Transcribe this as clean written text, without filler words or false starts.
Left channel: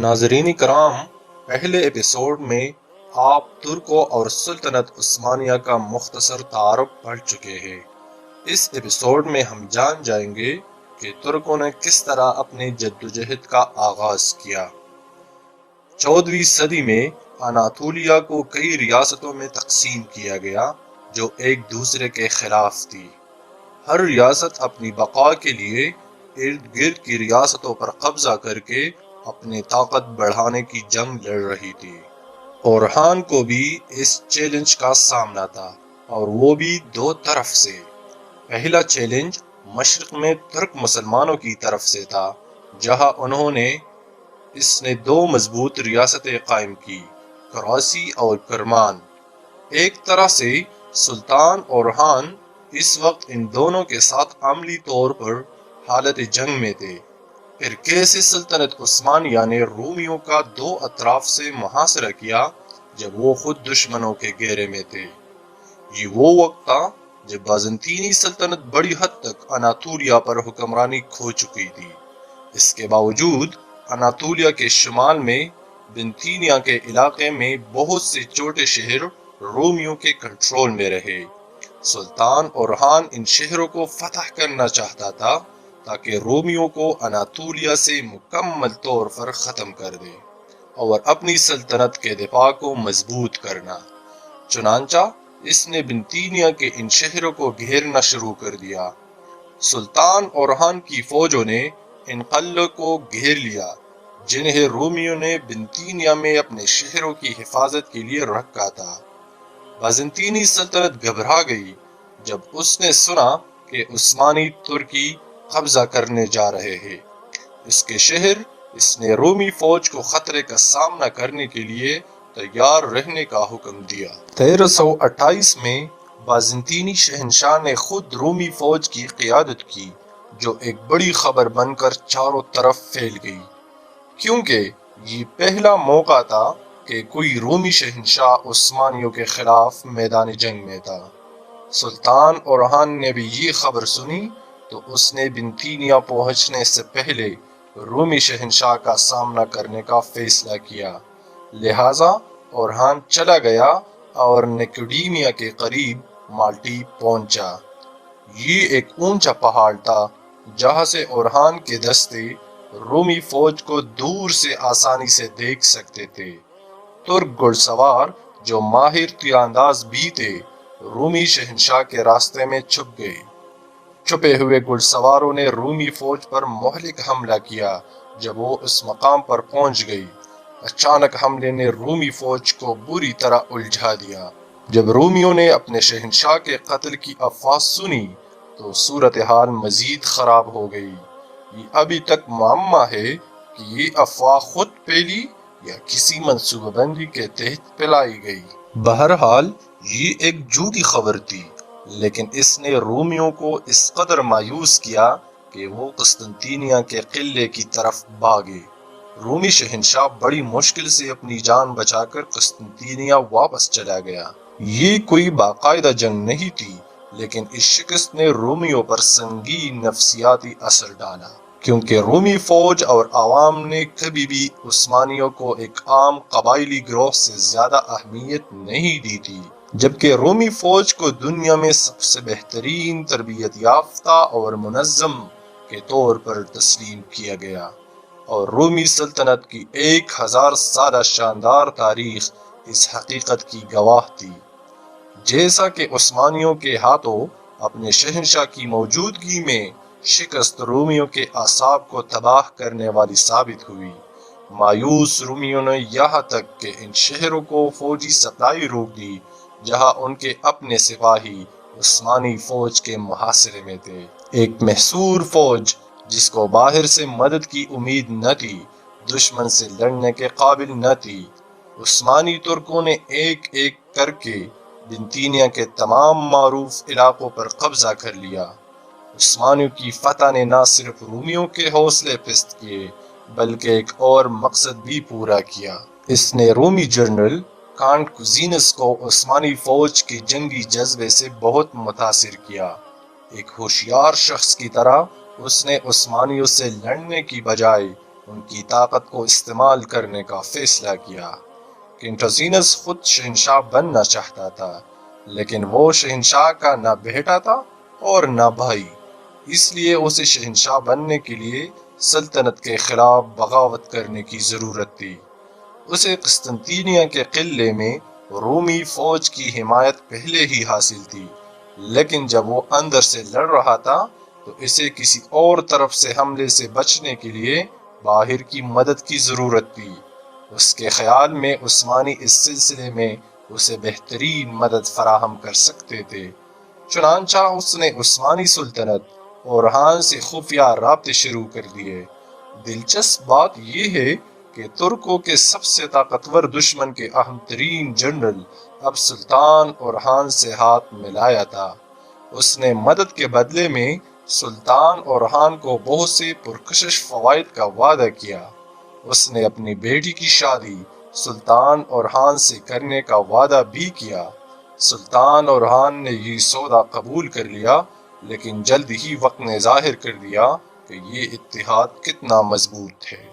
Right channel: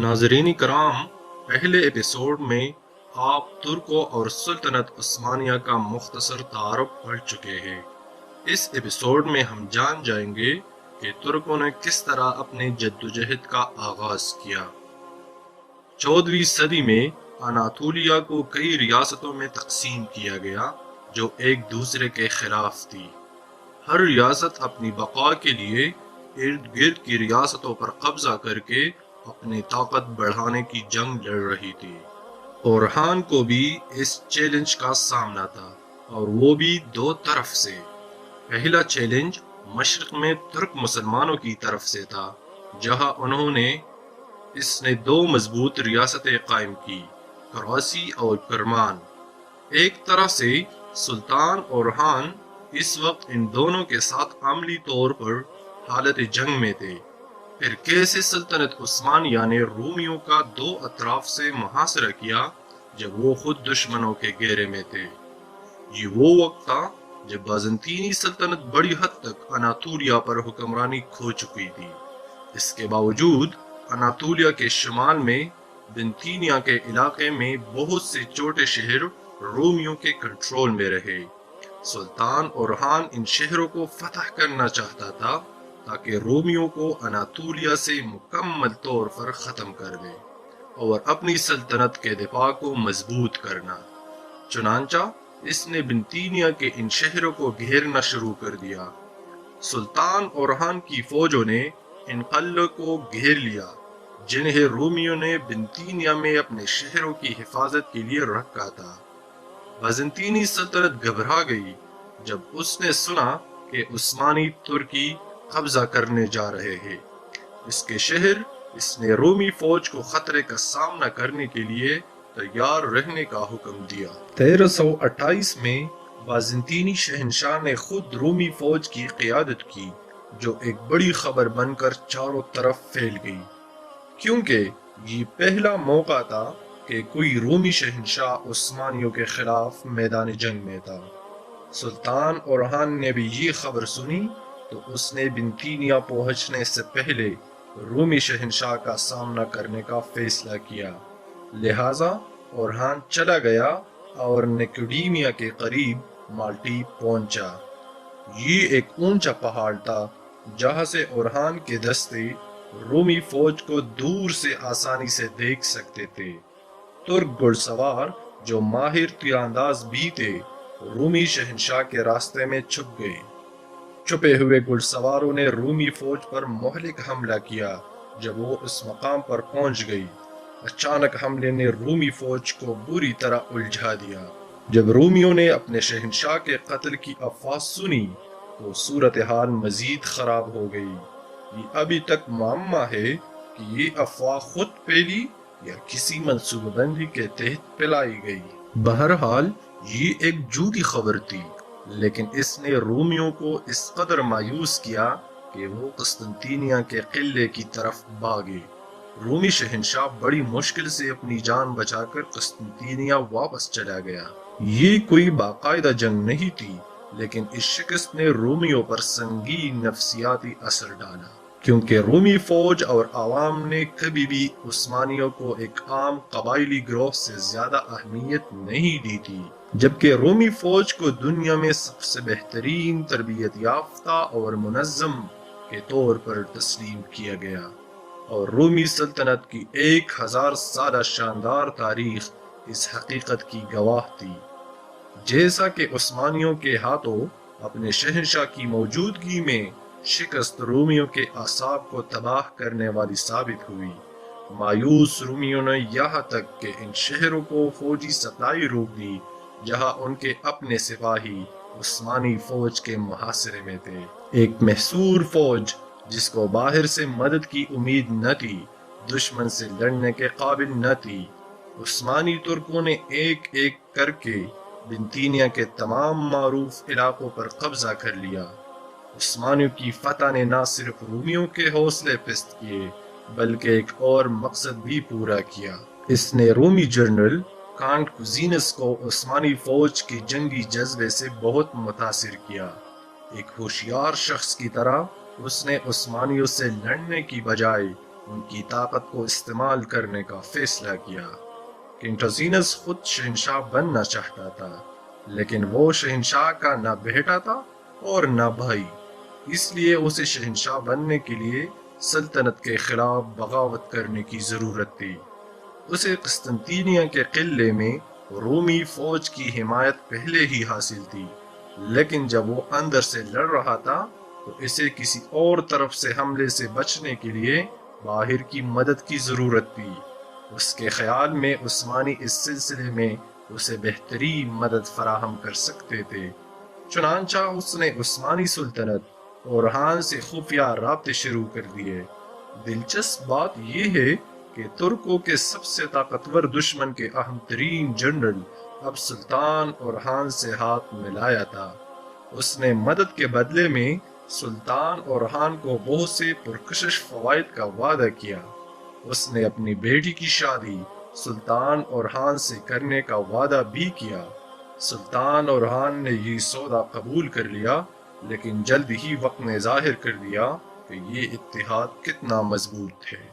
ناظرین کرام، پہلے ایپیسوڈ میں آپ ترکوں اور سلطنت عثمانیہ کا مختصر تعارف پڑھ چکے ہیں۔ اس ایپیسوڈ میں ہم جان جائیں گے کہ ترکوں نے کس طرح اپنی جدوجہد کا آغاز کیا۔ 14ویں صدی میں اناطولیہ کو کئی ریاستوں میں تقسیم کیا گیا جو ایک دوسرے کے خلاف تھی۔ ہر ریاست اپنی بقا کے لیے ارد گرد کی ریاستوں پر قبضہ کر کے اپنی طاقت بڑھانے کی جنگ لڑ رہی تھی۔ اورہان کو بھی اس چیلنج کا سامنا تھا، اور وہ بھی دو طرف سے۔ پہلا چیلنج مشرق میں ترک مسلمانوں کی طرف سے تھا، جہاں انہوں نے دو مضبوط ریاستیں قائم کی، کراسی اور کرمان۔ ایک طرح سے سلطان اورہان اس وقت ان دونوں کے ساتھ عملی طور پر حالت جنگ میں تھے۔ پھر کیسے سلطنت عثمانیہ نے رومیوں کا دو اطراف سے محاصرہ کیا جب وہ خود دشمنوں کے گھیرے میں تھے۔ یہ وہ وقت تھا جب بازنطینی سلطنت بڑی حد تک اناطولیہ پر حکمرانی کھو چکی تھی۔ اس کے باوجود اناطولیہ کے شمال میں بنتینیا کے علاقے میں بہت سے چھوٹے شہر رومیوں کے کنٹرول میں رہے۔ سلطان اورہان ان شہروں کو فتح کرنا چاہتا تھا تاکہ رومیوں کو اناطولیہ سے مکمل طور پر ختم کر دے اور اپنی سلطنت کے دفاع کو مضبوط کرنا۔ چنانچہ اس نے بنتینیا کے ان شہروں کو گھیرنا شروع کر دیا۔ سلطان اورہان کی فوجوں نے ان قلعوں کو گھیر لیا جنہیں رومیوں نے بنتینیا میں اپنے شہروں کی حفاظت کے لیے رکھا تھا۔ بازنطینی سلطنت گھبرا گئی جب اس نے سنا کہ عثمانی ترکی قبضہ کرنے جا رہے ہیں۔ اس نے رومی فوج کو خطرے کا سامنا کرنے کے لیے تیار رہنے کا حکم دیا۔ 1328 میں بازنطینی شہنشاہ نے خود رومی فوج کی قیادت کی، جو ایک بڑی خبر بن کر چاروں طرف پھیل گئی، کیونکہ یہ پہلا موقع تھا کہ کوئی رومی شہنشاہ عثمانیوں کے خلاف میدان جنگ میں تھا۔ سلطان اورہان نے بھی یہ خبر سنی تو اس نے بنتینیا پہنچنے سے پہلے رومی شہنشاہ کا سامنا کرنے کا فیصلہ کیا۔ لہٰذا اورہان چلا گیا اور نیکوڈیمیا کے قریب مالٹی پہنچا۔ یہ ایک اونچا پہاڑ تھا جہاں سے اورہان کے دستے رومی فوج کو دور سے آسانی سے دیکھ سکتے تھے۔ ترک گھڑ سوار جو ماہر تیر انداز بھی تھے، رومی شہنشاہ کے راستے میں چھپ گئے۔ چھپے ہوئے گھڑ سواروں نے رومی فوج پر مہلک حملہ کیا۔ جب وہ اس مقام پر پہنچ گئی، اچانک حملے نے رومی فوج کو بری طرح الجھا دیا۔ جب رومیوں نے اپنے شہنشاہ کے قتل کی افواہ سنی تو صورتحال مزید خراب ہو گئی۔ یہ ابھی تک معمہ ہے کہ یہ افواہ خود پھیلی یا کسی منصوبہ بندی کے تحت پھیلائی گئی۔ بہرحال یہ ایک جھوٹی خبر تھی، لیکن اس نے رومیوں کو اس قدر مایوس کیا کہ وہ قسطنطینیہ کے قلعے کی طرف بھاگے۔ رومی شہنشاہ بڑی مشکل سے اپنی جان بچا کر قسطنطینیہ واپس چلا گیا۔ یہ کوئی باقاعدہ جنگ نہیں تھی، لیکن اس شکست نے رومیوں پر سنگین نفسیاتی اثر ڈالا، کیونکہ رومی فوج اور عوام نے کبھی بھی عثمانیوں کو ایک عام قبائلی گروہ سے زیادہ اہمیت نہیں دی تھی، جبکہ رومی فوج کو دنیا میں سب سے بہترین تربیت یافتہ اور منظم کے طور پر تسلیم کیا گیا، اور رومی سلطنت کی 1000 سالہ شاندار تاریخ اس حقیقت کی گواہ تھی۔ جیسا کہ عثمانیوں کے ہاتھوں اپنے شہنشاہ کی موجودگی میں شکست رومیوں کے اعصاب کو تباہ کرنے والی ثابت ہوئی، مایوس رومیوں نے یہاں تک کہ ان شہروں کو فوجی سپلائی روک دی جہاں ان کے اپنے سپاہی عثمانی فوج کے محاصرے میں تھے۔ ایک محصور فوج جس کو باہر سے مدد کی امید نہ تھی، دشمن سے لڑنے کے قابل نہ تھی۔ عثمانی ترکوں نے ایک ایک کر کے بنتینیا کے تمام معروف علاقوں پر قبضہ کر لیا۔ عثمانیوں کی فتح نے نہ صرف رومیوں کے حوصلے پست کیے بلکہ ایک اور مقصد بھی پورا کیا۔ اس نے رومی جنرل کانٹ کوزینس کو عثمانی فوج کے جنگی جذبے سے بہت متاثر کیا۔ ایک ہوشیار شخص کی طرح اس نے عثمانیوں سے لڑنے کی بجائے ان کی طاقت کو استعمال کرنے کا فیصلہ کیا۔ کنگ ٹوزینس خود شہنشاہ بننا چاہتا تھا، لیکن وہ شہنشاہ کا نہ بیٹا تھا اور نہ بھائی، اس لیے اسے شہنشاہ بننے کے لیے سلطنت کے خلاف بغاوت کرنے کی ضرورت تھی۔ اسے قسطنطینیہ کے قلعے میں رومی فوج کی حمایت پہلے ہی حاصل تھی، لیکن جب وہ اندر سے لڑ رہا تھا تو اسے کسی اور طرف سے حملے سے بچنے کے لیے باہر کی مدد کی ضرورت تھی۔ اس کے خیال میں عثمانی اس سلسلے میں اسے بہترین مدد فراہم کر سکتے تھے، چنانچہ اس نے عثمانی سلطنت اورہان سے خفیہ رابطے شروع کر دیے۔ دلچسپ بات یہ ہے کہ ترکوں کے سب سے طاقتور دشمن کے اہم ترین جنرل اب سلطان اورہان سے ہاتھ ملایا تھا۔ اس نے مدد کے بدلے میں سلطان اورہان کو بہت سے پرکشش فوائد کا وعدہ کیا۔ اس نے اپنی بیٹی کی شادی سلطان اورہان سے کرنے کا وعدہ بھی کیا۔ سلطان اورہان نے یہ سودا قبول کر لیا، لیکن جلد ہی وقت نے ظاہر کر دیا کہ یہ اتحاد کتنا مضبوط ہے۔